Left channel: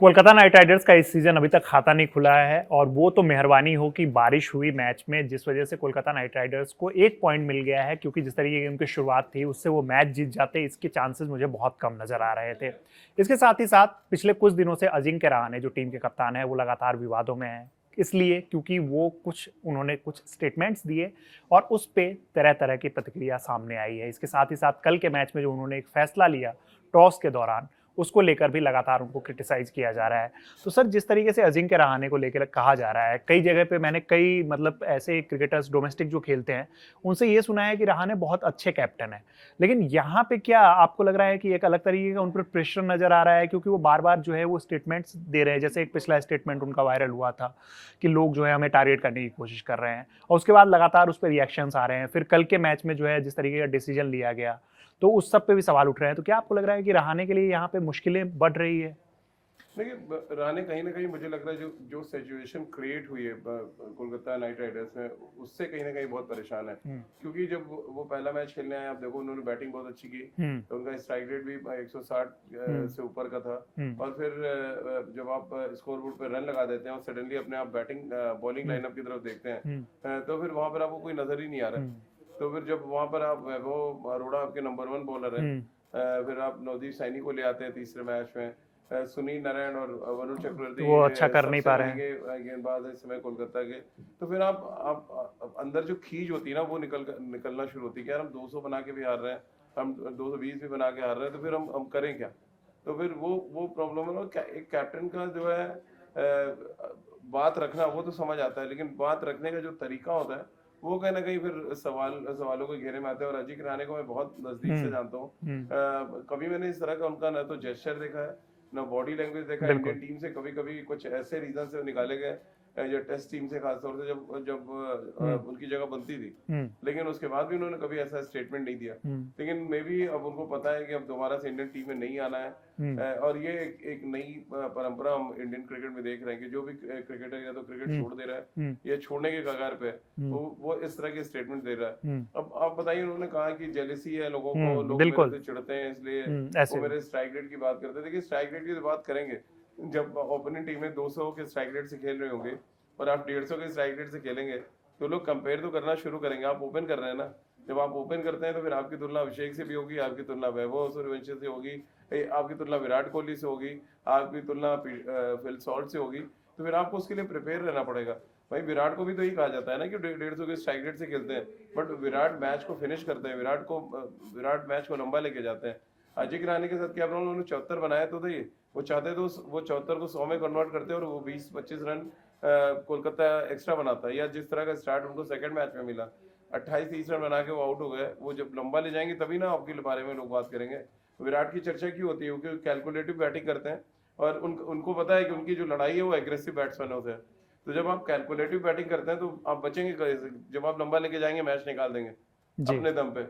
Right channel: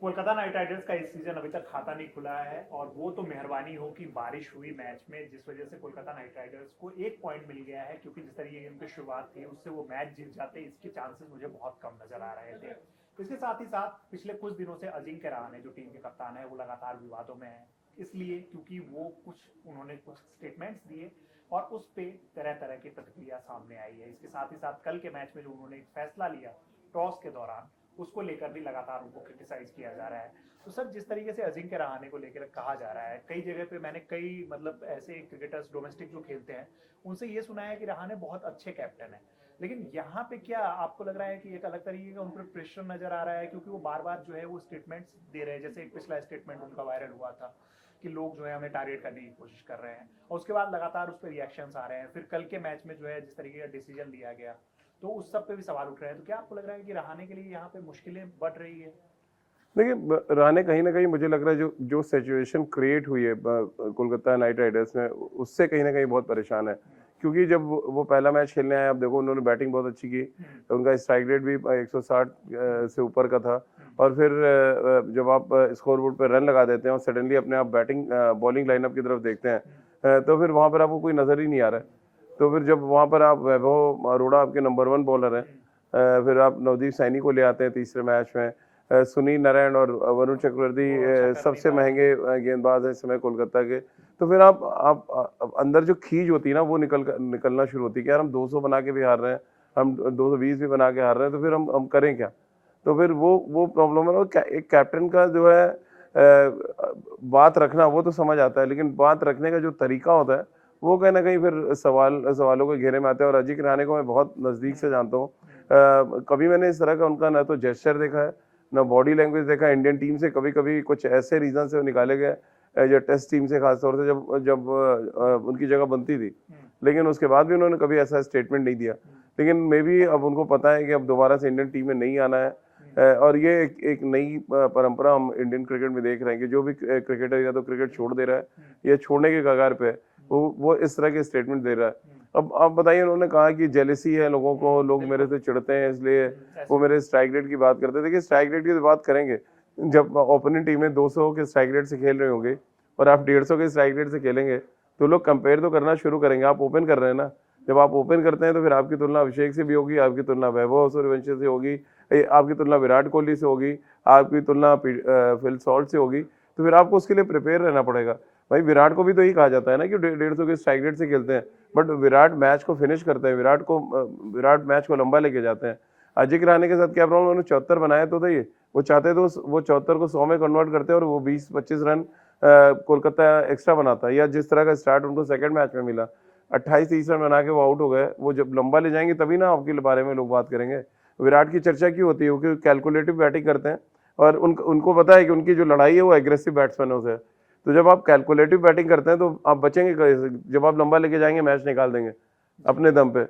Kolkata night Riders का इस season अभी तक खाता नहीं खुला है और वो तो मेहरबानी हो कि बारिश हुई मैच में, जिस वजह से कोलकाता नाइट राइडर्स को एक पॉइंट मिल गया है, क्योंकि जिस तरीके की उनकी शुरुआत थी उससे वो मैच जीत जाते, इसके चांसेस मुझे बहुत कम नजर आ रहे थे। इसके साथ ही साथ पिछले कुछ दिनों से अजिंक्य रहाणे जो टीम के कप्तान है वो लगातार विवादों में है, इसलिए क्योंकि वो उन्होंने कुछ स्टेटमेंट्स दिए और उस पे तरह तरह की प्रतिक्रिया सामने आई है। इसके साथ ही साथ कल के मैच में जो उन्होंने एक फैसला लिया टॉस के दौरान, उसको लेकर भी लगातार उनको क्रिटिसाइज किया जा रहा है। तो सर, जिस तरीके से अजिंक्य रहाणे को लेकर कहा जा रहा है, कई जगह पे मैंने कई ऐसे क्रिकेटर्स डोमेस्टिक जो खेलते हैं उनसे ये सुना है कि रहाणे बहुत अच्छे कैप्टन है, लेकिन यहाँ पे क्या आपको लग रहा है कि एक अलग तरीके का उन पर प्रेशर नजर आ रहा है, क्योंकि वो बार बार जो है वो स्टेटमेंट्स दे रहे हैं, जैसे एक पिछला स्टेटमेंट उनका वायरल हुआ था कि लोग जो है हमें टारगेट करने की कोशिश कर रहे हैं, और उसके बाद लगातार उस पर रिएक्शंस आ रहे हैं। फिर कल के मैच में जो है जिस तरीके का डिसीजन लिया गया, तो उस सब पे भी सवाल उठ रहे हैं। तो क्या आपको लग रहा है कि रहाणे के लिए यहाँ पे मुश्किलें बढ़ रही है? देखिए, रहाणे कहीं ना कहीं मुझे लग रहा है जो जो सिचुएशन क्रिएट हुई है कोलकाता नाइट राइडर्स में, उससे कहीं ना कहीं बहुत परेशान है। क्योंकि जब वो पहला मैच खेलने आए, आप देखो उन्होंने बैटिंग बहुत अच्छी की, तो उनका स्ट्राइक रेट भी 160 से ऊपर का था। और फिर जब आप स्कोर बोर्ड पर रन लगा देते हैं और सडनली अपने आप बैटिंग बॉलिंग लाइनअप की तरफ देखते हैं, तो फिर वहां पर आपको कोई नजर ही नहीं आ रहा है। तो फिर जब वहां पर आप वैभव अरोड़ा आपके नंबर 1 बॉलर हैं, फिर आप नवदीप सैनी को ले आते हैं तीसरे मैच में, सुनील नारायण और वरुण वो अच्छा चक्रवर्ती कर नहीं सबसे पा रहे हैं। महंगे गेंदबाज हैं इस समय कोलकाता के। तो फिर आप अंदर जो खींच होती है ना, वो निकलना शुरू होती है कि यार हम 200 बना के भी हार रहे हैं, हम 220 भी बना के हार रहे हैं, तो फिर हम करें क्या? तो फिर वो प्रॉब्लम है। और एक कैप्टन का जो है बात रखना वो तो समझ आता है, लेकिन बात रखने का जो तरीका होता है वो कहीं ना कहीं फिर सवालों के घेरे में आते हैं। और अजिंक्य रहाणे को मैं बहुत नजदीक से जानता हूँ। कभी मैंने इस तरह का उनका ना तो जेस्चर देखा है, ना बॉडी लैंग्वेज देखा। इंडियन बिल्कुल। टीम से कभी कभी कुछ ऐसे रीजन से निकाले गए, जो टेस्ट टीम से खासतौर से जब जब उनकी जगह बनती थी, लेकिन उसके बाद भी उन्होंने कभी ऐसा स्टेटमेंट नहीं दिया। लेकिन मे बी अब उनको पता है कि अब दोबारा से इंडियन टीम में नहीं आना है। और ये एक नई परंपरा हम इंडियन क्रिकेट में देख रहे हैं कि जो भी क्रिकेटर या तो क्रिकेट छोड़ दे रहा है या छोड़ने के कगार पे है, वो इस तरह के स्टेटमेंट दे रहा है। अब आप बताइए, उन्होंने कहा कि जेलेसी है लोगों को, लोग मेरे से चिढ़ते हैं इसलिए वो मेरे स्ट्राइक रेट की बात करते हैं। देखिए, स्ट्राइक रेट की तो बात करेंगे जब ओपोनेंट टीमें 200 के स्ट्राइक रेट से खेल रही होंगी और आप 150 के स्ट्राइक रेट से खेलेंगे, तो लोग कंपेयर तो करना शुरू करेंगे। आप ओपन कर रहे हैं ना, जब आप ओपन करते हैं तो फिर आपकी तुलना अभिषेक से भी होगी, आपकी तुलना वैभव सूर्यवंशी से होगी, आपकी तुलना विराट कोहली से होगी, आपकी तुलना फिल सॉल्ट से होगी। तो फिर आपको उसके लिए प्रिपेयर रहना पड़ेगा। भाई, विराट को भी तो यही कहा जाता है ना कि 150 के स्ट्राइक रेट से खेलते हैं, बट विराट मैच को फिनिश करते हैं, विराट मैच को लंबा लेके जाते हैं। अजिंक्य रहाणे के साथ क्या प्रॉब्लम, उन्होंने 74 बनाया तो था, ये वो चाहते तो वो 74 को 100 में कन्वर्ट करते और वो 20-25 रन कोलकाता एक्स्ट्रा बनाता। या जिस तरह का स्टार्ट उनको सेकंड मैच में मिला, 28-30 रन बना के वो आउट हो गए। वो जब लंबा ले जाएंगे तभी ना आपके बारे में लोग बात करेंगे। विराट की चर्चा क्यों होती है? क्योंकि कैलकुलेटिव बैटिंग करते हैं और उनको पता है कि उनकी जो लड़ाई है वो एग्रेसिव बैट्समैनों से है। तो जब आप कैलकुलेटिव बैटिंग करते हैं तो आप बचेंगे कैसे? जब आप लंबा लेके जाएंगे मैच निकाल देंगे अपने दम पे।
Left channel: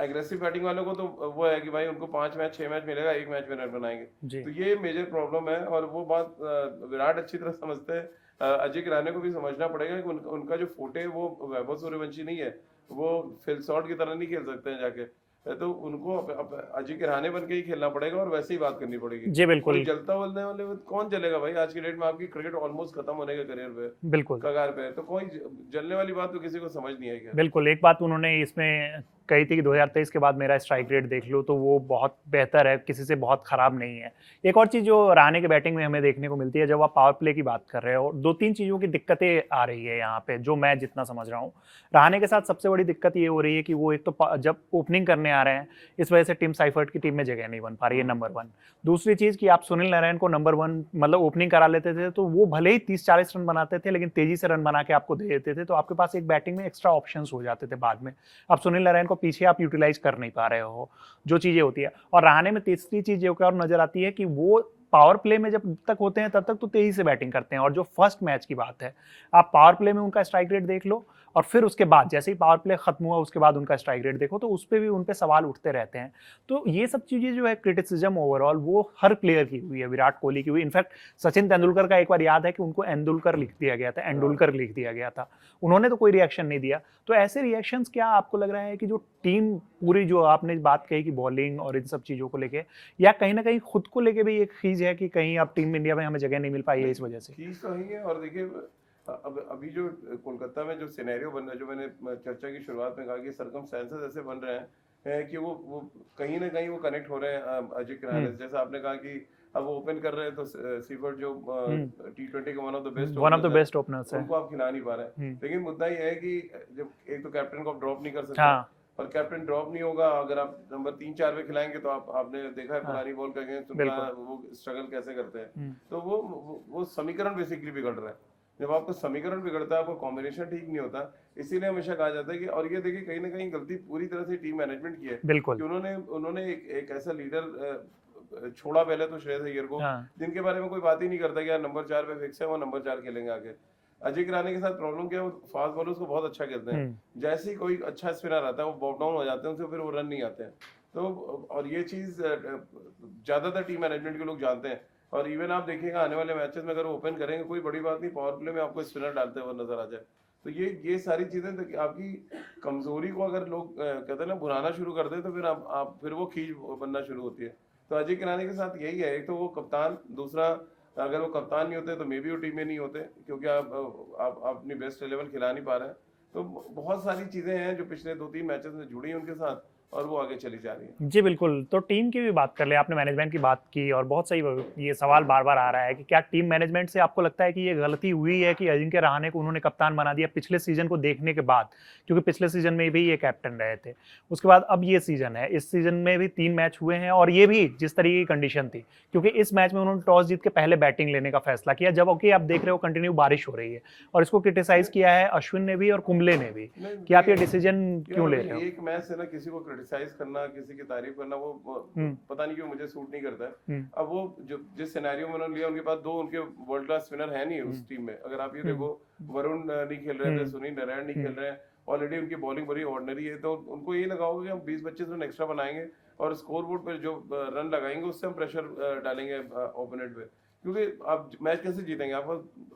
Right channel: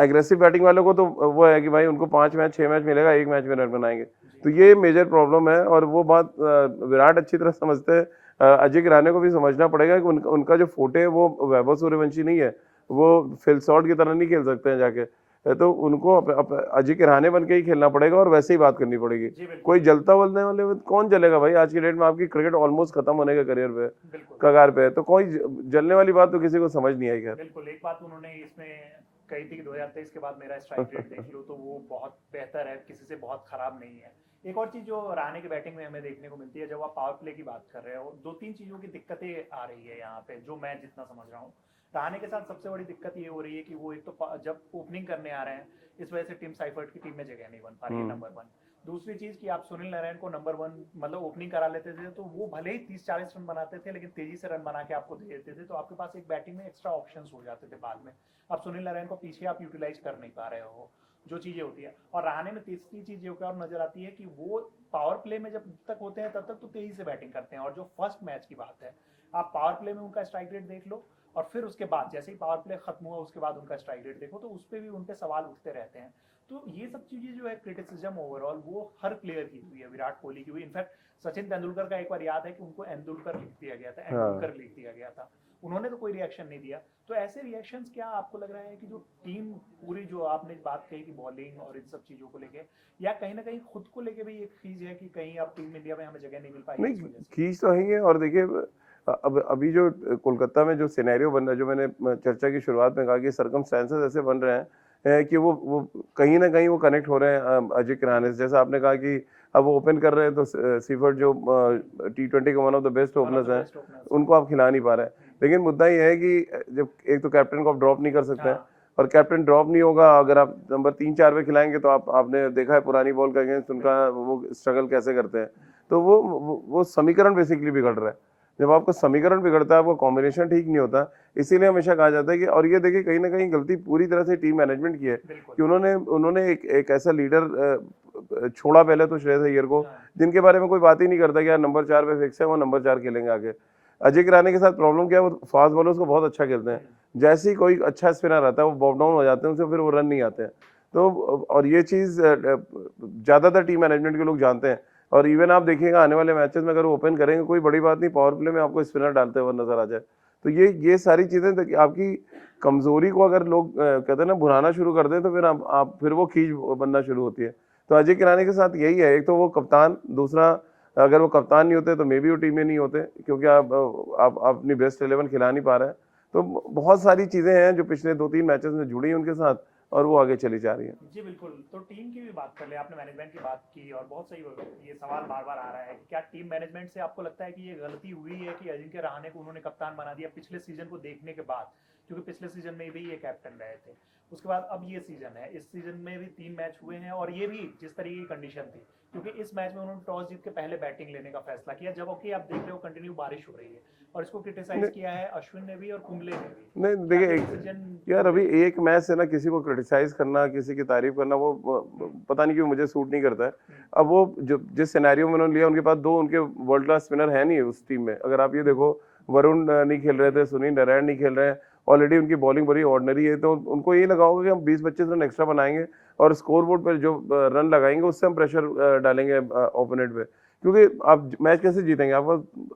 एग्रेसिव बैटिंग वालों को तो वो है कि भाई उनको 5 मैच 6 मैच मिलेगा, एक मैच में रन बनाएंगे। तो ये मेजर प्रॉब्लम है और वो बात विराट अच्छी तरह समझते हैं। अजिंक्य रहाणे को भी समझना पड़ेगा कि उनका जो फोटे है वो वैभव सूर्यवंशी नहीं है, वो फिल सॉल्ट की तरह नहीं खेल सकते हैं जाके। तो उनको अजिंक्य रहाणे बन के ही खेलना पड़ेगा और वैसे ही बात करनी पड़ेगी। जी कोई बिल्कुल। जलता बोलने वाले कौन जलेगा भाई? आज की डेट में आपकी क्रिकेट ऑलमोस्ट खत्म होने के करियर पे, बिल्कुल। कगार पे है, तो कोई जलने वाली बात तो किसी को समझ नहीं आएगी। बिल्कुल, एक बात उन्होंने इसमें कही थी कि 2023 के बाद मेरा स्ट्राइक रेट देख लो तो वो बहुत बेहतर है, किसी से बहुत खराब नहीं है। एक और चीज़ जो रहाणे के बैटिंग में हमें देखने को मिलती है, जब आप पावर प्ले की बात कर रहे हो, 2-3 चीज़ों की दिक्कतें आ रही है यहाँ पे, जो मैं जितना समझ रहा हूँ। रहाणे के साथ सबसे बड़ी दिक्कत ये हो रही है कि वो एक तो जब ओपनिंग करने आ रहे हैं, इस वजह से टिम साइफर्ट की टीम में जगह नहीं बन पा रही है, नंबर 1। दूसरी चीज़ कि आप सुनील नारायण को नंबर 1 ओपनिंग करा लेते थे, तो वो भले ही 30-40 रन बनाते थे, लेकिन तेज़ी से रन बना के आपको दे देते थे, तो आपके पास एक बैटिंग में एक्स्ट्रा ऑप्शंस हो जाते थे बाद में। अब सुनील नारायण को पीछे आप यूटिलाइज कर नहीं पा रहे हो, जो चीजें होती है। और रहाणे में तीसरी चीज जो और नजर आती है कि वो पावर प्ले में जब तक होते हैं तब तक तो तेजी से बैटिंग करते हैं, और जो फर्स्ट मैच की बात है, आप पावर प्ले में उनका स्ट्राइक रेट देख लो और फिर उसके बाद जैसे ही पावर प्ले खत्म हुआ उसके बाद उनका स्ट्राइक रेट देखो तो उस पर भी उन पे सवाल उठते रहते हैं। तो ये सब चीजें जो है क्रिटिसिज्म ओवरऑल वो हर प्लेयर की हुई है, विराट कोहली की हुई। इनफैक्ट सचिन तेंदुलकर का एक बार याद है कि उनको एंदुलकर लिख दिया गया था, एंडुलकर लिख दिया गया था, उन्होंने तो कोई रिएक्शन नहीं दिया। तो ऐसे रिएक्शंस क्या आपको लग रहा है कि जो टीम पूरी जो आपने बात कही कि बॉलिंग और इन सब चीजों को लेके, या कहीं ना कहीं खुद को लेके भी एक खींच है कि कहीं अब टीम इंडिया में हमें जगह नहीं मिल पाई है इस वजह से? खींच तो है ही है। और देखिए अब अभी जो कोलकाता में जो सिनेरियो बन रहा है, जो मैंने चर्चा की शुरुआत में कहा कि सर्कमस्टेंसेस ऐसे बन रहे हैं कि वो कहीं ना कहीं वो कनेक्ट हो रहे हैं अजय किराने से। जैसा आपने कहा कि अब वो ओपन कर रहे हैं तो सीफर्ट जो T20 का one of the best openers है, उनको आप खिला नहीं पा रहे हैं। लेकिन मुद्दा ये है कि जब एक तो कैप्टन को आप ड्रॉप नहीं कर सकते, और कैप्टन ड्रॉप नहीं होगा अगर आप नंबर 3-4 पे खिलाएंगे तो आपने देखा है पुरानी बॉल का अगेंस्ट उनका वो स्ट्रगल कैसे करते हैं। तो वो समीकरण बेसिकली बिगड़ रहा है। जब आपका समीकरण बिगड़ता है, आपका कॉम्बिनेशन ठीक नहीं होता, इसीलिए हमेशा कहा जाता है कि, और ये देखिए कहीं ना कहीं गलती पूरी तरह से टीम मैनेजमेंट की है कि उन्होंने एक ऐसा लीडर छोड़ा पहले तो श्रेयस अय्यर को, जिनके बारे में कोई बात ही नहीं करता कि यार नंबर 4 पे फिक्स है, वो नंबर 4 खेलेंगे आगे। अजय किराने के साथ प्रॉब्लम क्या है, वो फास्ट बॉलर्स को बहुत अच्छा खेलते हैं, जैसे ही कोई अच्छा स्पिनर आता है वो बॉब डाउन हो जाते हैं, उनसे फिर वो रन नहीं आते हैं। तो और ये चीज ज्यादातर टीम मैनेजमेंट के लोग जानते हैं। और इवन आप देखिएगा आने वाले मैचेस में अगर वो ओपन करेंगे, कोई बड़ी बात नहीं, पावर प्ले में आपको स्पिनर डालते हुए नजर आ जाए। तो ये सारी चीजें आपकी कमजोरी को अगर लोग कहते हैं ना भुनाना शुरू कर दें, तो फिर आप फिर वो खींच बनना शुरू होती है। तो अजय किराने के साथ यही है, एक तो वो कप्तान, दूसरा अगर वो कप्तान नहीं होते तो मे बी वो टीम में नहीं होते, क्योंकि आप अपनी बेस्ट 11 खिला नहीं पा रहे हैं। तो बहुत सारी चीजें हैं जो पिछले 2-3 मैचेस में जुड़ी उनके साथ, और वो आगे चली जा रही है। जी बिल्कुल। तो टीम की भी बात कर ले, आपने मैनेजमेंट की बात की, और बहुत सही ये सवाल बार बार आ रहा है कि क्या टीम मैनेजमेंट से आपको लगता है कि ये गलती हुई है कि अजिंक्य रहाणे को उन्होंने कप्तान बना दिया पिछले सीजन को देखने के बाद? क्योंकि पिछले सीजन में भी ये कैप्टन रहे थे, उसके बाद अब ये सीजन है, इस सीजन में भी 3 मैच हुए हैं, और ये भी जिस तरीके की कंडीशन थी, क्योंकि इस मैच में उन्होंने टॉस जीत के पहले बैटिंग लेने का फैसला किया, जबकि आप देख रहे हो कंटिन्यू बारिश हो रही है, और इसको क्रिटिसाइज किया है अश्विन ने भी और कुंबले ने भी। क्या ये डिसीजन क्यों ले रहे हो? एक मैच से ना किसी को क्रिटिसाइज करना, किसी की तारीफ करना, वो पता नहीं क्यों मुझे सूट नहीं करता है। अब वो जिस सिनेरियो में उन्होंने लिया, उनके पास 2 उनके वर्ल्ड क्लास स्पिनर है नहीं उस टीम में। अगर आप ये देखो, वरुण नहीं खेल रहे थे, सुनील नारायण नहीं खेल रहे हैं, ऑलरेडी उनकी बॉलिंग बड़ी ऑर्डिनरी है। तो उनको यही लगा होगा कि हम 20-25 रन एक्स्ट्रा बनाएंगे और स्कोर बोर्ड पर जो रन लगाएंगे उससे हम प्रेशर डालेंगे ओपोनेंट पे, क्योंकि आप मैच कैसे जीतेंगे? आप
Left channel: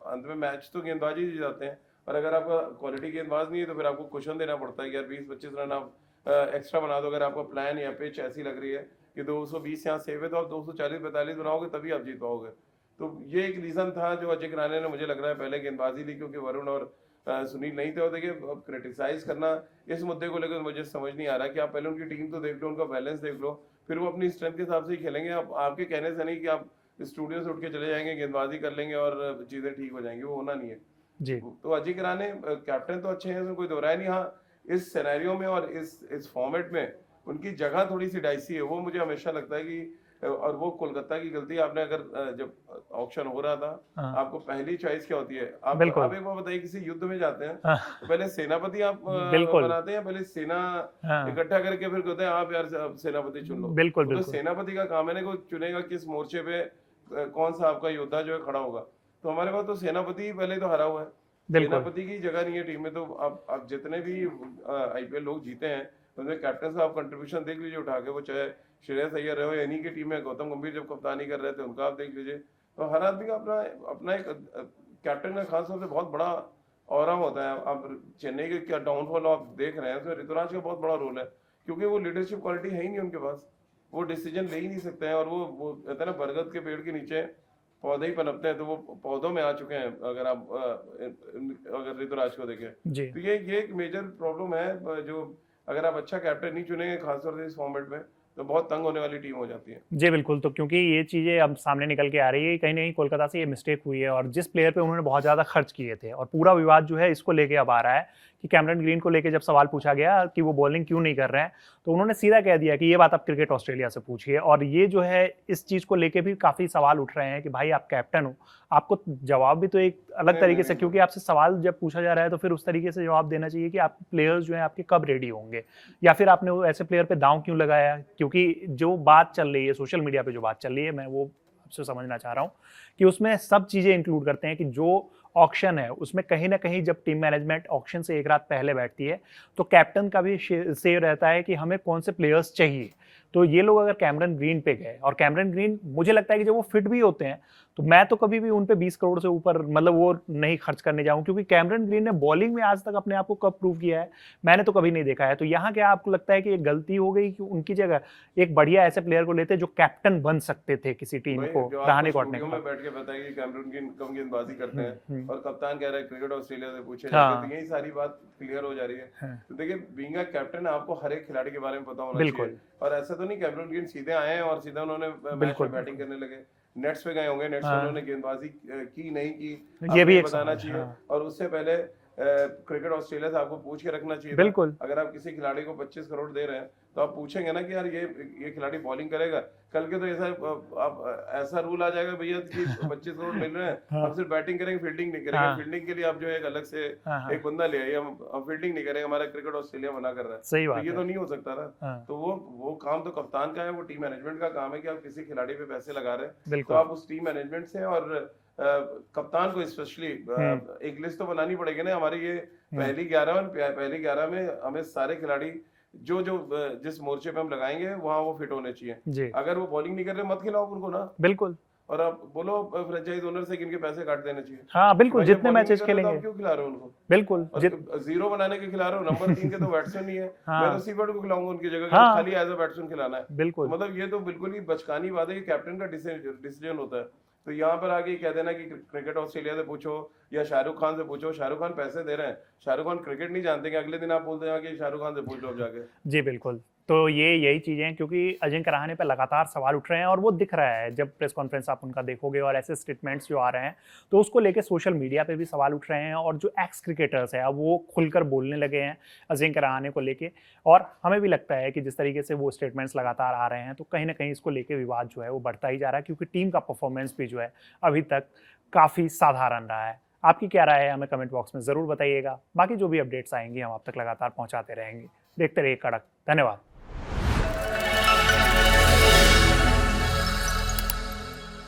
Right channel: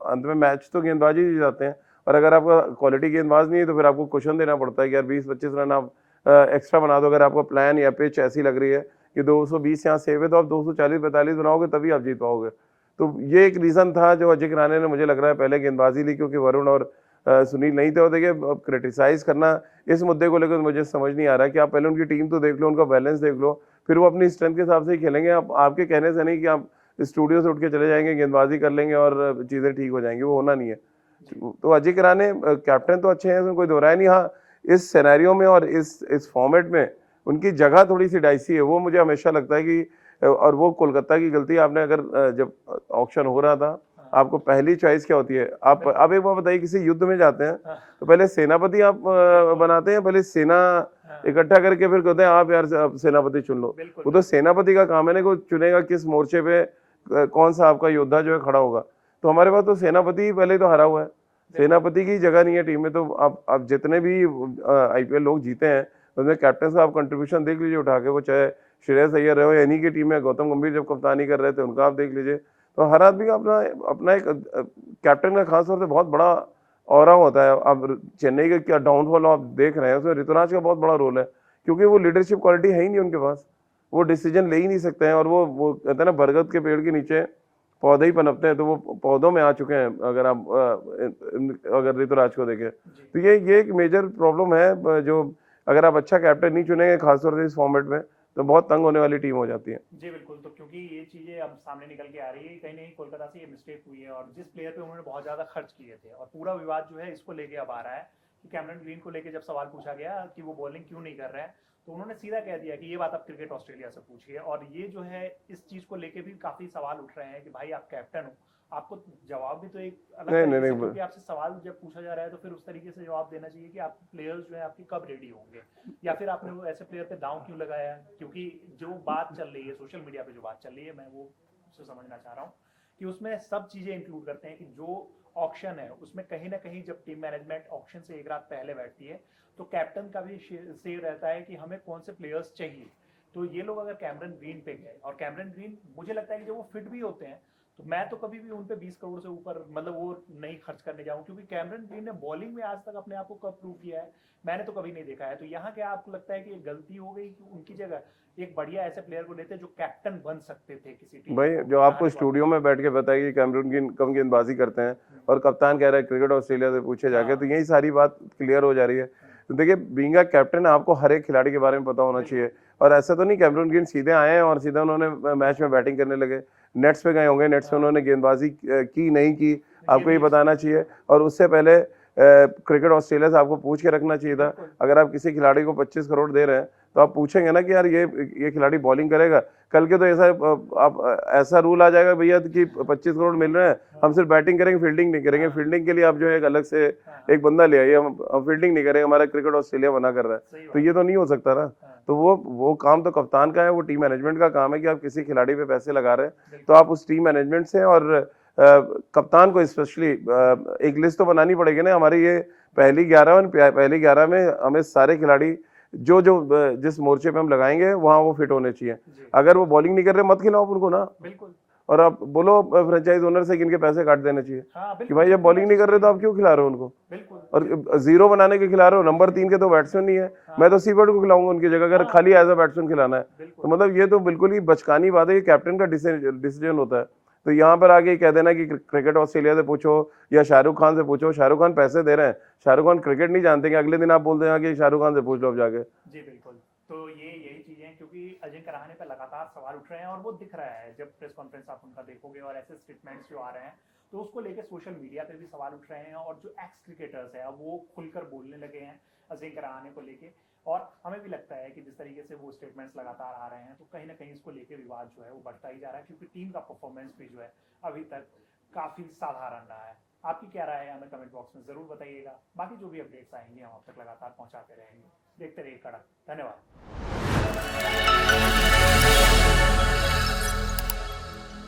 अंत में मैच तो गेंदबाजी ही जाते हैं, और अगर आपका क्वालिटी गेंदबाज नहीं है तो फिर आपको क्वेश्चन देना पड़ता है कि यार 20-25 रन आप एक्स्ट्रा बना दो। अगर आपका प्लान या पिच ऐसी लग रही है कि 220 यहाँ सेव है, तो आप 240-45 बनाओगे तभी आप जीत पाओगे। तो ये एक रीजन था जो अजय किराने ने, मुझे लग रहा है, पहले गेंदबाजी ली, क्योंकि वरुण और सुनील नहीं थे। और देखिए अब क्रिटिसाइज करना इस मुद्दे को लेकर मुझे समझ नहीं आ रहा कि आप पहले उनकी टीम तो देख लो, उनका बैलेंस देख लो, फिर वो अपनी स्ट्रेंथ के हिसाब से ही खेलेंगे। आपके कहने से नहीं कि आप स्टूडियो से उठ के चले जाएंगे, गेंदबाजी कर लेंगे और चीजें ठीक हो जाएंगी, वो होना नहीं है जी। तो अजय किराने कैप्टन तो अच्छे हैं, इसमें कोई दो राय नहीं। हाँ, इस सिनेरियो में और इस फॉर्मेट में उनकी जगह थोड़ी सी डाइसी है, वो मुझे हमेशा लगता है कि, और वो कोलकाता की गलती। आपने अगर जब ऑक्शन हो रहा था, आपको पहली चॉइस क्या होती है? आप एक बार बताइए, किसी युद्ध में जाते हैं तो पहले सेनापति आप बनाते हैं, पहले सेना इकट्ठा करके फिर कहते हैं आप यार सेनापति चुन लो। वो तो सेनापति का काम है ना, को चुनेगा किस मोर्चे पे कौन सा आपका योद्धा जो है खड़ा होगा। तो हमारे पास तो सेनापति पहले तो हरा हुआ है, सेनापति की जगह नहीं है टीम में। तो आप जितने भी IPL लोग जीते हैं उसमें कैप्टन का आप कंट्रीब्यूशन देख लीजिए उठा के, वो चाहे श्रेयस अय्यर रहे हो, इन्हीं की टीम में गौतम गंभीर जब कप्तानी कर रहे थे उनका आप देख लीजिए। तो हर आदमी का अपना एक कैप्टन का खासतौर से बहुत बड़ा ऑरा होता है। अब चेन्नई का क्या डाउनफॉल आप देख रहे हैं, उसमें ऋतुराज का बहुत बड़ा रोल है, क्योंकि वो लीडरशिप क्वालिटी है ही नहीं उनके पास, वो डिसीजन ले ही नहीं सकते हैं। और वो कहते हैं ना, बरगद के पेड़ के नीचे पौधे ही पनपते हैं, तो वो पौधों में आ चुके हैं अगर ऋतुराज को देखें। तो ये एक मेजर प्रॉब्लम है, जो अगर आप अच्छा कैप्टन नहीं चुनेंगे खासतौर से इस फॉर्मेट में, तो बहुत तंग होने वाली टीम हो जाती है। जी बिल्कुल। तो क्योंकि ये चीज़ें अब सामने निकल के आ रही है, कहीं ना कहीं कोलकाता से ये मिस्टेक हुई है, और जिस प्लेयर पे उन्होंने बहुत ज़्यादा खर्च किए थे, और पूरा विवाद जो है इसको लेके अब आ रहा है कि कैमरन ग्रीन को लेके जब सवाल पूछा गया कि वो बॉलिंग क्यों नहीं कर रहे हैं, तो उन्होंने सीधा कह दिया कि ये बात आप क्रिकेट ऑस्ट्रेलिया से पूछिए। और ये जो है इस चीज़ को लेके भी काफ़ी सवाल उठ रहे हैं कि भाई आप कैप्टन हो, आपको जवाब भी तो एक अलग तरीके से, क्योंकि आपसे सवाल जब पूछा जा रहा है तो फिर उस तरीके से जवाब देना चाहिए कि आप प्लेयर्स जो हैं आपके कब रेडी होंगे, या फिर आपने वो ऐसे प्लेयर पे दांव क्यों लगाया। क्योंकि जो बात चल रही है सोशल मीडिया पे, जो बात चल रही है, मैं वो आपसे समझना चाह रहा हूँ कि उसमें सब चीज़ें इंक्लूड करते हैं कि जो ऑक्शन है उसमें कहीं ना कहीं जब टीम मैनेजमेंट ऑक्शन से एक रात पहले बैठती है तो कैप्टन का भी से रहता है कि हमें कौन से प्लेयर्स चाहिए। तो ये लोग अगर कैमरन ग्रीन पे गए और कैमरन ग्रीन मुझे लगता है कि जब वो फिट भी होते हैं तो मैं तो कभी भी उन पे 20 करोड़ से ऊपर मतलब वो नहीं खर्च करने जाऊं, क्योंकि कैमरन ग्रीन ने बॉलिंग में आज तक अपने आप को कब प्रूव किया है मैंने तो कभी नहीं देखा है। तो यहाँ क्या आपको लगता है कि ये गलती हो गई कि उनकी जगह एक बढ़िया ऐसे प्लेयर को लेते जो कैप्टन बन सकते थे किसी टीम भाई को? जो आपको स्टूडियो में बैठ के बताया कि कैमरून ग्रीन कम गेंदबाजी करते हैं और कप्तान कह रहा है क्रिकेट ऑस्ट्रेलिया से पूछे जाके, तो यही सारी बात क्लियर हो जा रही है। तो देखिए बीइंग अ कैप्टन आपको हर एक खिलाड़ी के बारे में पता होना चाहिए, और ऐसा तो नहीं कैमरून ग्रीन सीधे आए हैं और सीधा उन्होंने मैच में बैटिंग करने लगे। नेट्स पे गए होंगे, नेट्स पे उन्होंने गेंदबाजी की नहीं की आपको ये बताना चाहिए, और उससे पहले क्रिकेट ऑस्ट्रेलिया से आपको पूछ के रखना चाहिए था। अगर आप किसी खिलाड़ी को 25 करोड़ दे रहे हैं तो आप पूछेंगे ना कि यार ये खिलाड़ी बॉलिंग करेगा कल के, तो ऐसा आप ऐसा रूल आ जाएगा भैया कि 25 करोड़ मिल रहे हैं हम सिर्फ बैटिंग करेंगे फील्डिंग नहीं करेंगे। फील्डिंग के लिए आप जो है एक अलग से एक बंदा ले आइए, हम फील्डिंग नहीं करेंगे, हमारा क्रिकेट ऑस्ट्रेलिया मना कर रहा है, तो ये तो नहीं हो सकता ना। तो वो काम तो कप्तान का है, वो टीम मैनेजमेंट का काम है कि आप किसी खिलाड़ी पे पैसे लगा रहे हैं तो आप उस टीम मैनेजमेंट से और कप्तान को स्पेशली एक लिस्ट तो बनानी पड़ेगी ना। हमारी ये पहली 11 में हमें सारे खिलाड़ी जो जिस मोर्चे पे हम लगाएंगे वहां वो फिट होने चाहिए। अगर वो बॉलिंग नहीं कर रहे मत खिलाओ उनको ना, बिल्कुल। और आप बोलो फ्रेंचाइज ओनर से कि इनके पैसे काट देने चाहिए। हाँ बिल्कुल, भाई ये बॉलिंग नहीं कर रहे तो आप क्यों खिला रहे हो उनको? बिल्कुल। और जीरो बनाने के खिला रहे हो, नंबर 3 के तो बैट्समैन नहीं है। मैं तो सीवर्ड को खिलाऊंगा उनकी जगह, अगर खाली एज अ बैट्समैन खिलाना है। बिल्कुल। तो मतलब ये तो बिल्कुल ही बचकानी बात है, ये कैप्टन का डिसीजन होता है। तो यहाँ पर आगे कह देना कि क्रिकेट ऑस्ट्रेलिया से पूछो या शाहरुख खान से पूछो, शाहरुख खान पैसे दे रहे हैं, शाहरुख खान क्रिकेट नहीं जानते कि अगले दिन आप बोल दें कि शाहरुख खान से पूछ लो अब जाके। जी बिल्कुल। तो यही चीजें हैं, क्योंकि अजिंक्य रहाणे पे लगातार सवाल उठ रहे हैं और वो दिख रहा है जब प्रेस कॉन्फ्रेंस आप उनका देखोगे और ऐसे स्टेटमेंट्स जो आ रहे हैं तो उसको लेके सोशल मीडिया पे भी सवाल उठ रहे हैं, और जो एक्स क्रिकेटर्स हैं अब वो खुलकर बोलने लगे हैं अजिंक्य रहाणे को लेके। और हमें भी लगता है कि जिस तरीके से वो स्टेटमेंट्स लगातार आ रहे हैं तो कहीं ना कहीं इसको लेके विवाद जो है वो बढ़ता ही जा रहा है, क्योंकि टीम का परफॉर्मेंस भी जो है अभी तक काफ़ी साधारण रहा है। आपकी क्या राय है हमें कमेंट बॉक्स में ज़रूर बताइएगा। बाकी जो भी अपडेट्स आएंगी हम आप तक लगातार पहुंचाते रहेंगे। देखते रहिए कड़क। धन्यवाद।